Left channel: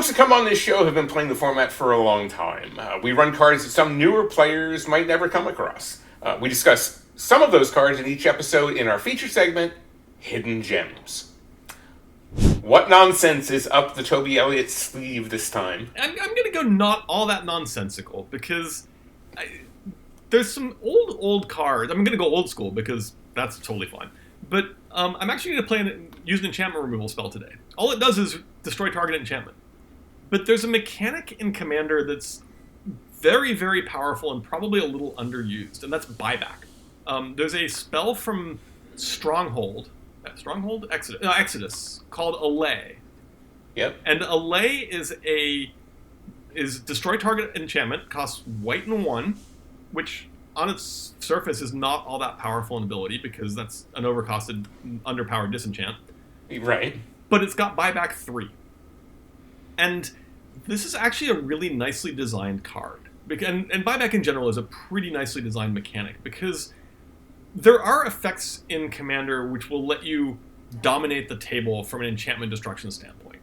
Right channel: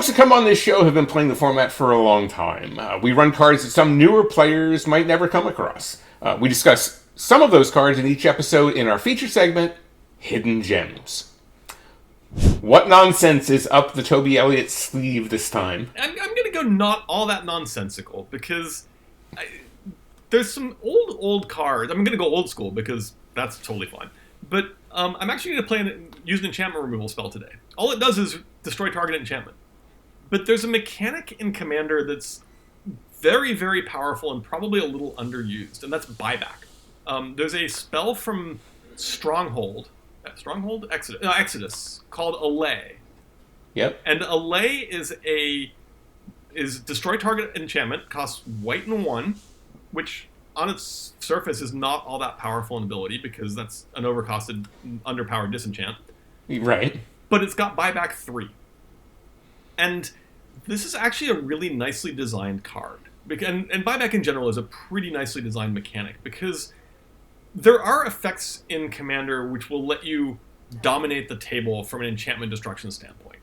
folks that come on this show have been playing the format for a long time. We run cards that some newer players might never come across. We discuss some of those cards in each episode in our feature segment, Hidden Gems. What nonsense is up the Toby Elliott sleeve this time? I'm going to go not all that nonsensical, because there's some old cards. I'm going to go old school, because that's totally fine. But I'm actually going to use an enchantment removal spell today. All it does is destroy target enchantment. But there's a mechanic in Commander that's very, very powerful and probably a little underused, and that's buyback. There's a spell from Exodus, called Allay. Yep. And Allay is destroy target enchantment, costs white and 1, which on its surface is not all that powerful in ability, because that's an overcosted, underpowered disenchant. Right. But it's got buyback 3. And this is actually a really nicely designed card. And buyback in general is a pretty nicely designed mechanic, because there are effects in Commander which will let you dominate the table from an enchantment destruction standpoint.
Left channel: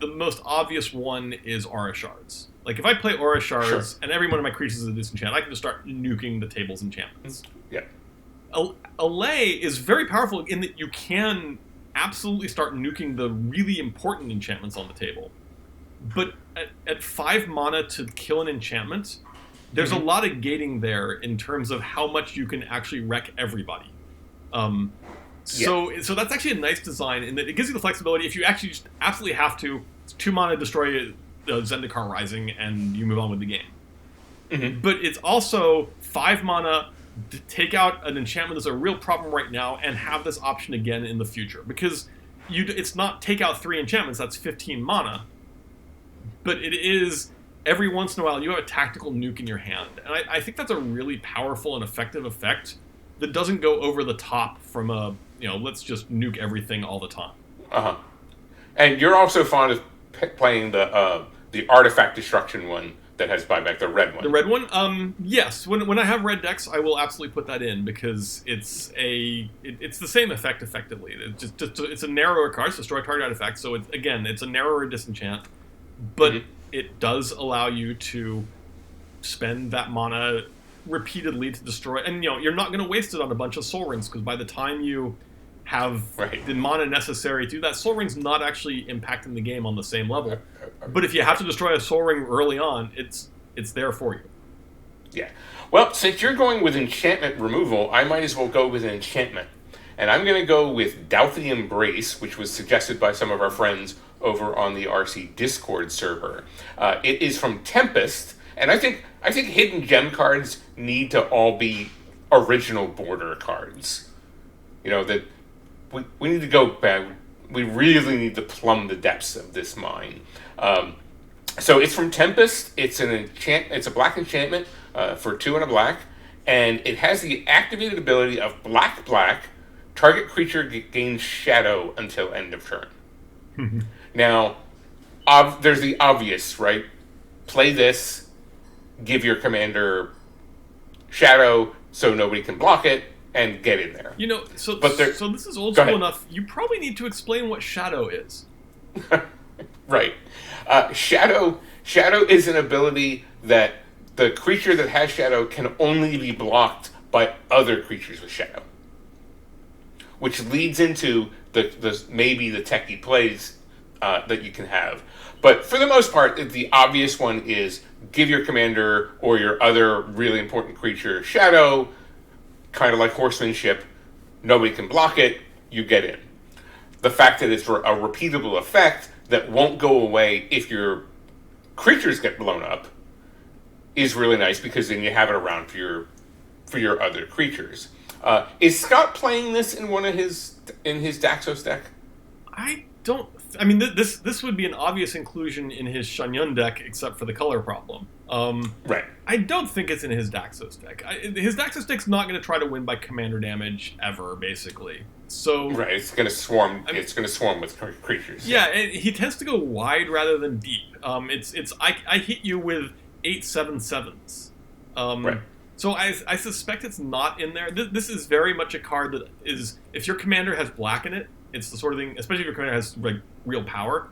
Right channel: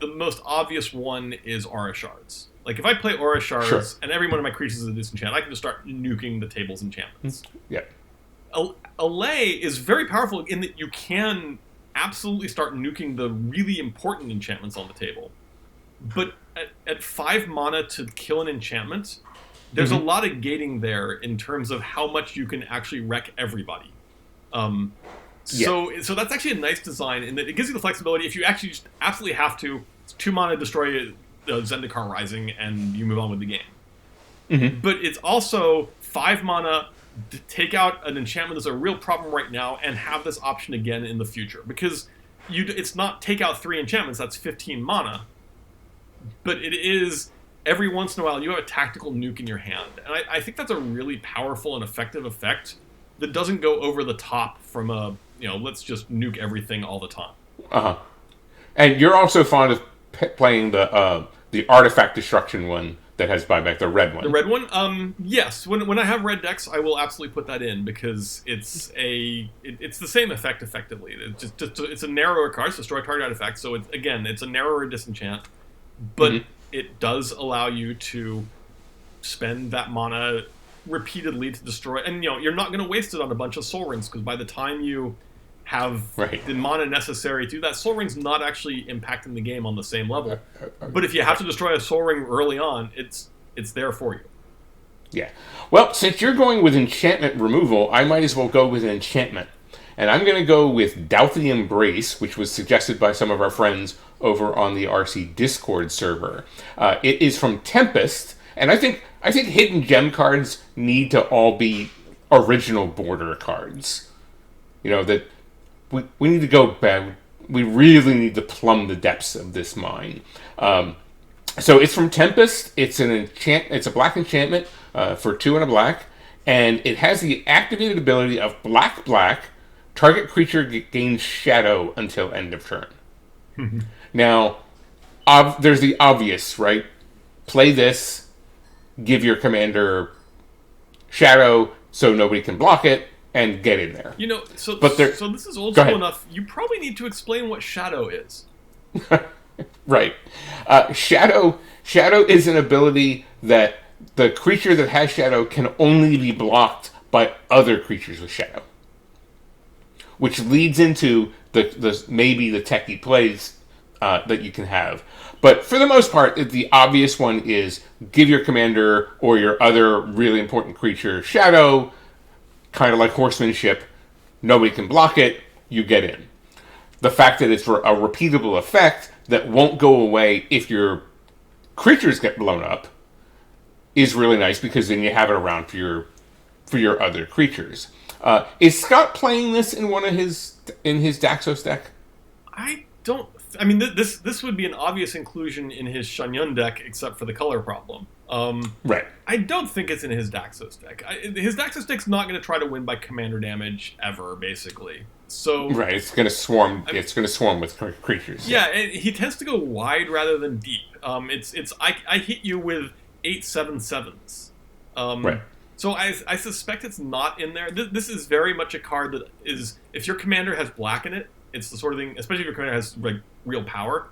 The most obvious one is Aura Shards. Like, if I play Aura Shards and every one of my creatures is a disenchant, I can just start nuking the table's enchantments. Yeah. Allay is very powerful in that you can absolutely start nuking the really important enchantments on the table. But at 5 mana to kill an enchantment, there's a lot of gating there in terms of how much you can actually wreck everybody. So that's actually a nice design in that it gives you the flexibility. If you actually just absolutely have to, it's 2 mana, destroy Zendikar Rising, and you move on with the game. Mm-hmm. But it's also 5 mana to take out an enchantment that's a real problem right now and have this option again in the future. Because it's not take out 3 enchantments, that's 15 mana. But it is, every once in a while, you have a tactical nuke in your hand. And I think that's a really powerful and effective effect that doesn't go over the top from a, let's just nuke everything all the time. Uh-huh. And you're also fond of playing the artifact destruction one that has buyback, the red one. The red one? Yes. When I have red decks, I will absolutely put that in, because it's the same effect effectively. It's a narrower card, so destroy target artifact. So it's a narrower disenchant, but it does allow you to spend that mana repeatedly to destroy, and you're not going to waste it on a bunch of Soul Rings, because by the time you have the mana necessary to, that Soul Ring's not actually impacting the game on the same level. But if you have to destroy a Soul Ring early on, it's there for you. Yeah. Well, since you're going with enchantment removal, I might as well go with enchantment. And I'm going to go with Douthty Embrace, which was suggested by some of our friends over on the RC Discord server. It is from Tempest, and I think hidden gem cards need to all be original border cards. That we need to go back. We really need to plumb the depths of this mine. So it's from Tempest. It's a black enchantment for 2 and a black, and it has the activated ability of black. Target creature gains shadow until end of turn. Now, there's the obvious, right? Play this, give your commander shadow so nobody can block it, and get in there. So this is old school enough. You probably need to explain what shadow is. Right. Shadow is an ability that the creature that has shadow can only be blocked by other creatures with shadow, which leads into maybe the techie plays that you can have. But for the most part, the obvious one is give your commander or your other really important creature shadow, kind of like horsemanship. Nobody can block it, you get in. The fact that it's a repeatable effect that won't go away if your creatures get blown up is really nice, because then you have it around for your other creatures. Is Scott playing this in his Daxos deck? This would be an obvious inclusion in his Shangyun deck, except for the color problem. Right. I don't think it's in his Daxos deck. His Daxos deck's not going to try to win by commander damage ever, basically. So right, it's going to swarm. It's going to swarm with creatures. Yeah, he tends to go wide rather than deep. I hit you with 8/7/7s. Right. So I suspect it's not in there. This is very much a card that is, if your commander has black in it, it's the sort of thing, especially if your commander has real power,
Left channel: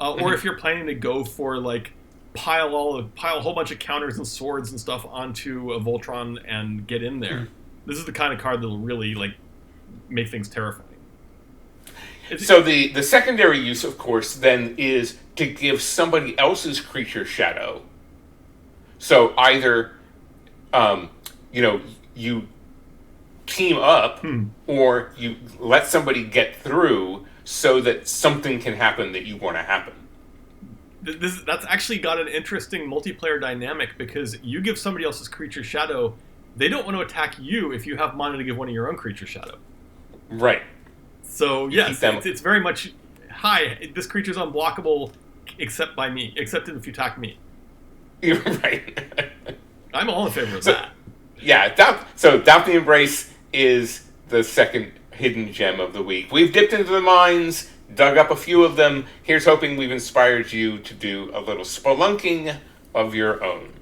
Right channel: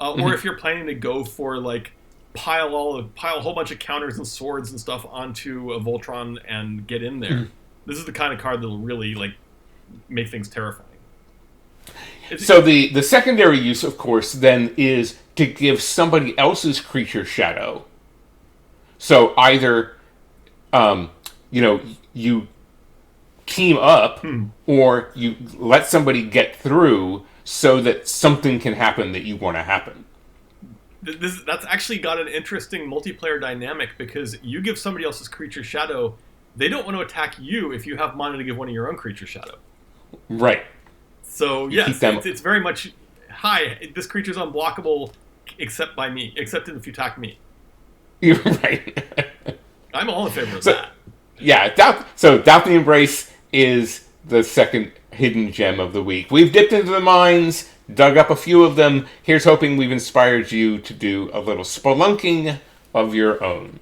Or if you're planning to go for like pile a whole bunch of counters and swords and stuff onto a Voltron and get in there. This is the kind of card that'll really like make things terrifying. So the secondary use, of course, then is to give somebody else's creature shadow. So either, you team up, or you let somebody get through so that something can happen that you want to happen. That's actually got an interesting multiplayer dynamic, because you give somebody else's creature shadow, they don't want to attack you if you have mana to give one of your own creature shadow. Right. So yes, it's very much, hi, this creature's unblockable except by me, except if you attack me. You're right. I'm all in favor of that. Yeah, Doubt the Embrace is the second hidden gem of the week. We've dipped into the mines, dug up a few of them. Here's hoping we've inspired you to do a little spelunking of your own.